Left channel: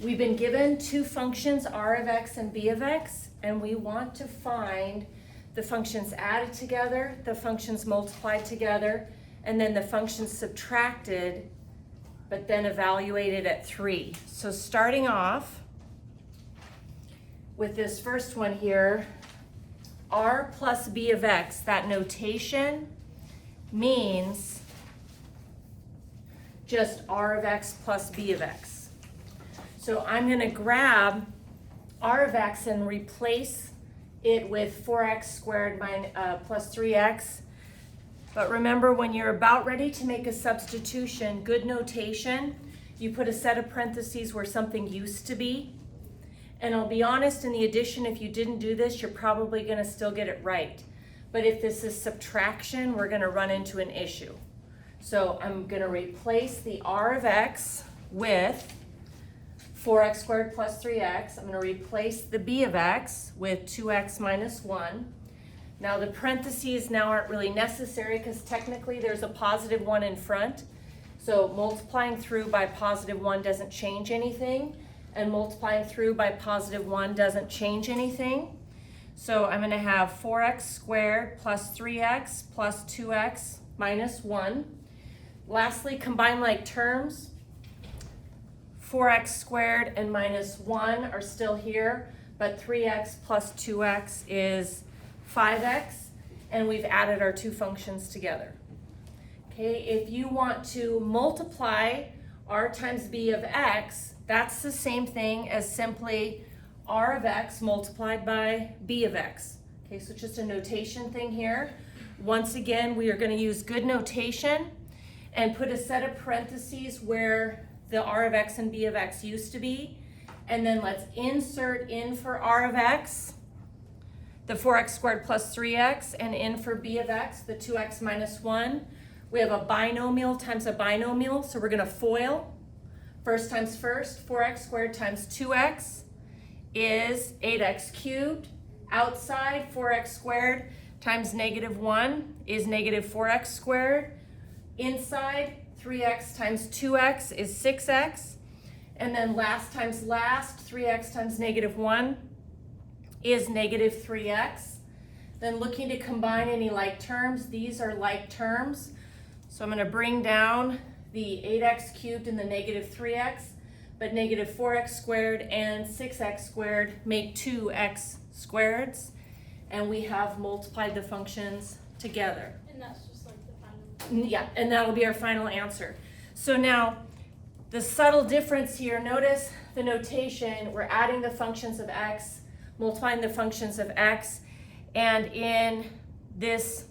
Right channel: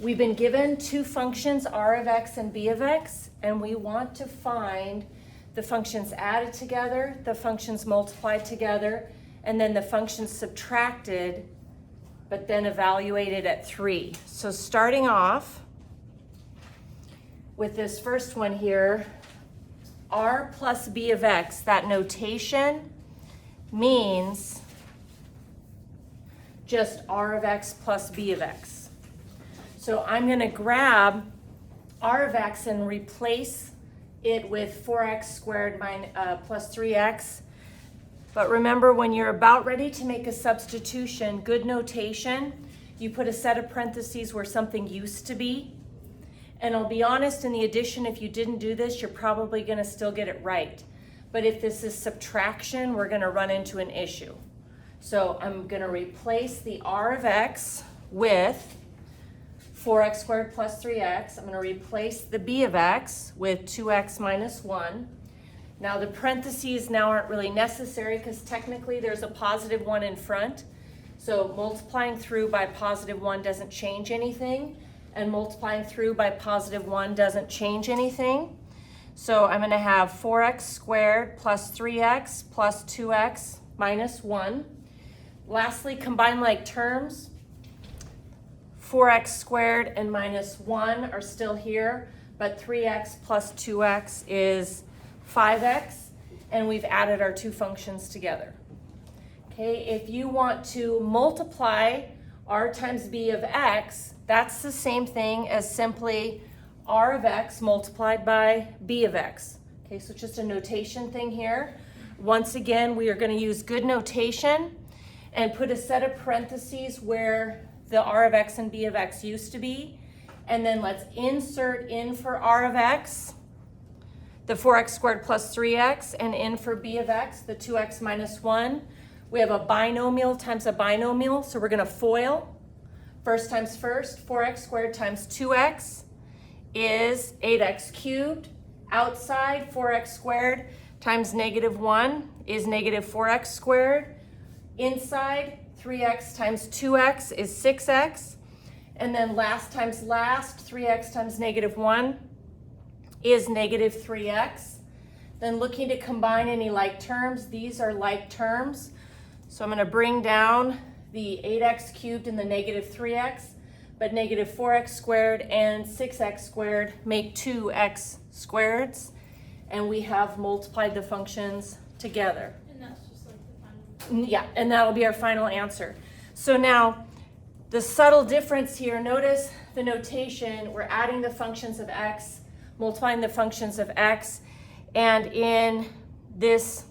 We've been given two functions, r of x and b of x, and we want to find the functions added together, the functions multiplied together, and then the functions subtracted, but then evaluated at 3. So starting off with this first one here, r plus b of x, that notation means just r of x plus b of x. So I'm going to grab r of x and replace it with 4x squared plus 3x. But remember, when you're about ready to make a substitution, good notation, you put a set of parentheses where something used to be. And I'll be honest, in the addition, if you didn't do this, you're probably going to still get it right. But if this is subtraction, we're going to run into an issue. So I'm going to replace the r of x with 4x squared plus 3x. I'm going to replace the b of x with 2x minus 1. Now the parentheses now aren't really necessary because technically there's a positive 1 in front. So multiplying through by positive 1 doesn't change anything, and multiplying through by positive 1 doesn't change anything. So I'm going to have 4x squared plus 3x plus 2x minus 1. Lastly, combine like terms. 4x squared and minus 1 are still here, but 3x plus 2x is 5x, and we've added our two functions together. Okay, if you want to multiply r times b of x, that's the same thing as simply r of x multiplied by b of x. Okay, so just a notation thing here. Once again, we are going to use good notation and put a set of parentheses where the r of x and b of x used to be. And then let's insert in for r of x, the 4x squared plus 3x, and in for b of x, the 2x minus 1. We have a binomial times a binomial, so we're going to FOIL. First times first, 4x squared times 2x is 8x cubed. Outside, 4x squared times negative 1 is negative 4x squared. Inside, 3x times 2x is 6x. And then last times last, 3x times negative 1 is negative 3x. Then looking to combine any like terms, these are like terms. So I'm going to bring down the 8x cubed and the negative 3x, but negative 4x squared and 6x squared make 2x squareds, and we have multiplied the functions together. And that's just like the final. Yeah, and that'll be our final answer. So now, the subtle difference here, notice the notation, we're adding the functions of x, multiplying the functions of x, and in this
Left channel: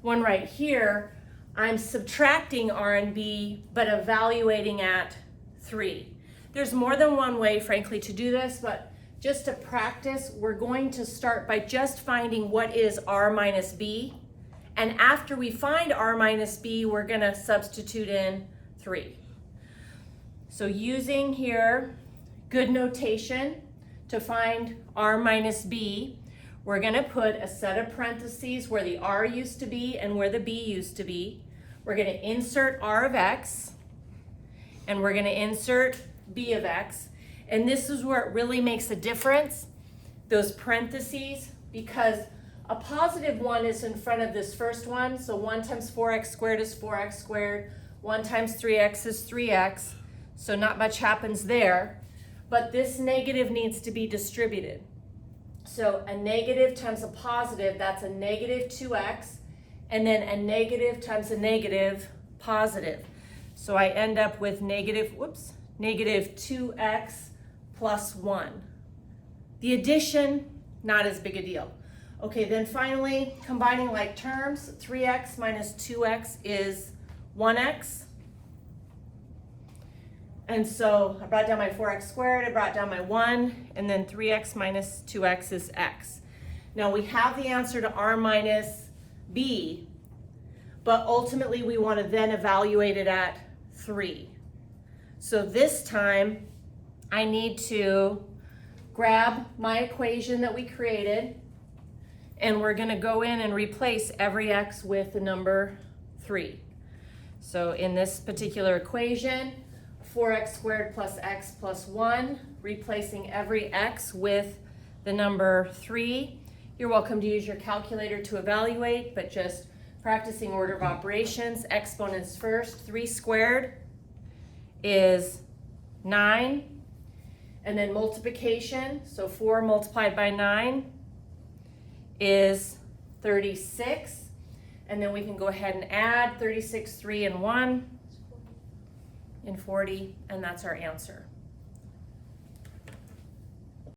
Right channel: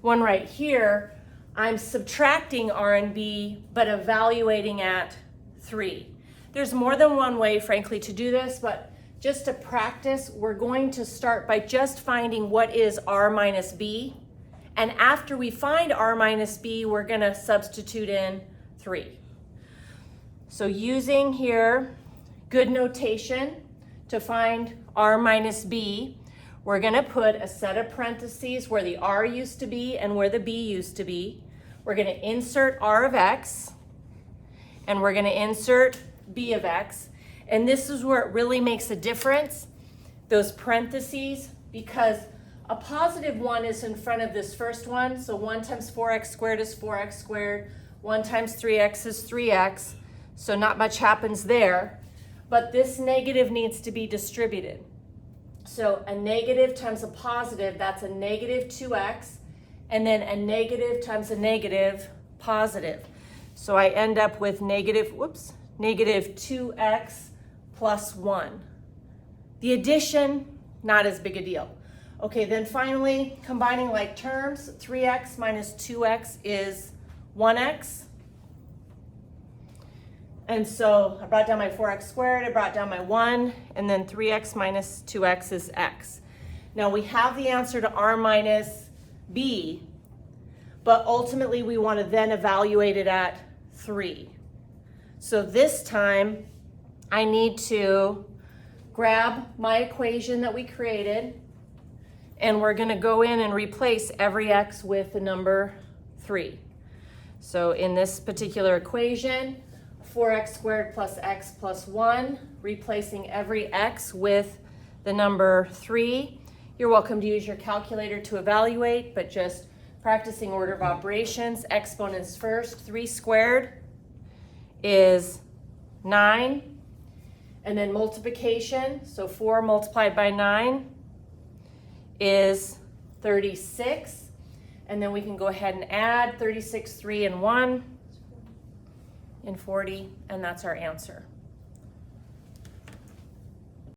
one right here, I'm subtracting r and b, but evaluating at 3. There's more than one way, frankly, to do this, but just to practice, we're going to start by just finding what is r minus b, and after we find r minus b, we're going to substitute in 3. So using here good notation to find r minus b, we're going to put a set of parentheses where the r used to be and where the b used to be. We're going to insert r of x, and we're going to insert b of x. And this is where it really makes a difference, those parentheses, because a positive 1 is in front of this first one. So 1 times 4x squared is 4x squared. 1 times 3x is 3x. So not much happens there. But this negative needs to be distributed. So a negative times a positive, that's a negative 2x. And then a negative times a negative, positive. So I end up with negative 2x plus 1. The addition, not as big a deal. Okay, then finally, combining like terms, 3x minus 2x is 1x. And so I brought down my 4x squared, I brought down my 1, and then 3x minus 2x is x. Now we have the answer to r minus b, but ultimately we want to then evaluate it at 3. So this time I need to grab my equation that we created, and we're going to go in and replace every x with the number 3. So in this particular equation, 4x squared plus x plus 1, replacing every x with the number 3. You're welcome to use your calculator to evaluate, but just practicing order of operations. Exponents first. 3 squared is 9. And then multiplication, so 4 multiplied by 9 is 36. And then we can go ahead and add 36, 3, and 1, and 40, and that's our answer.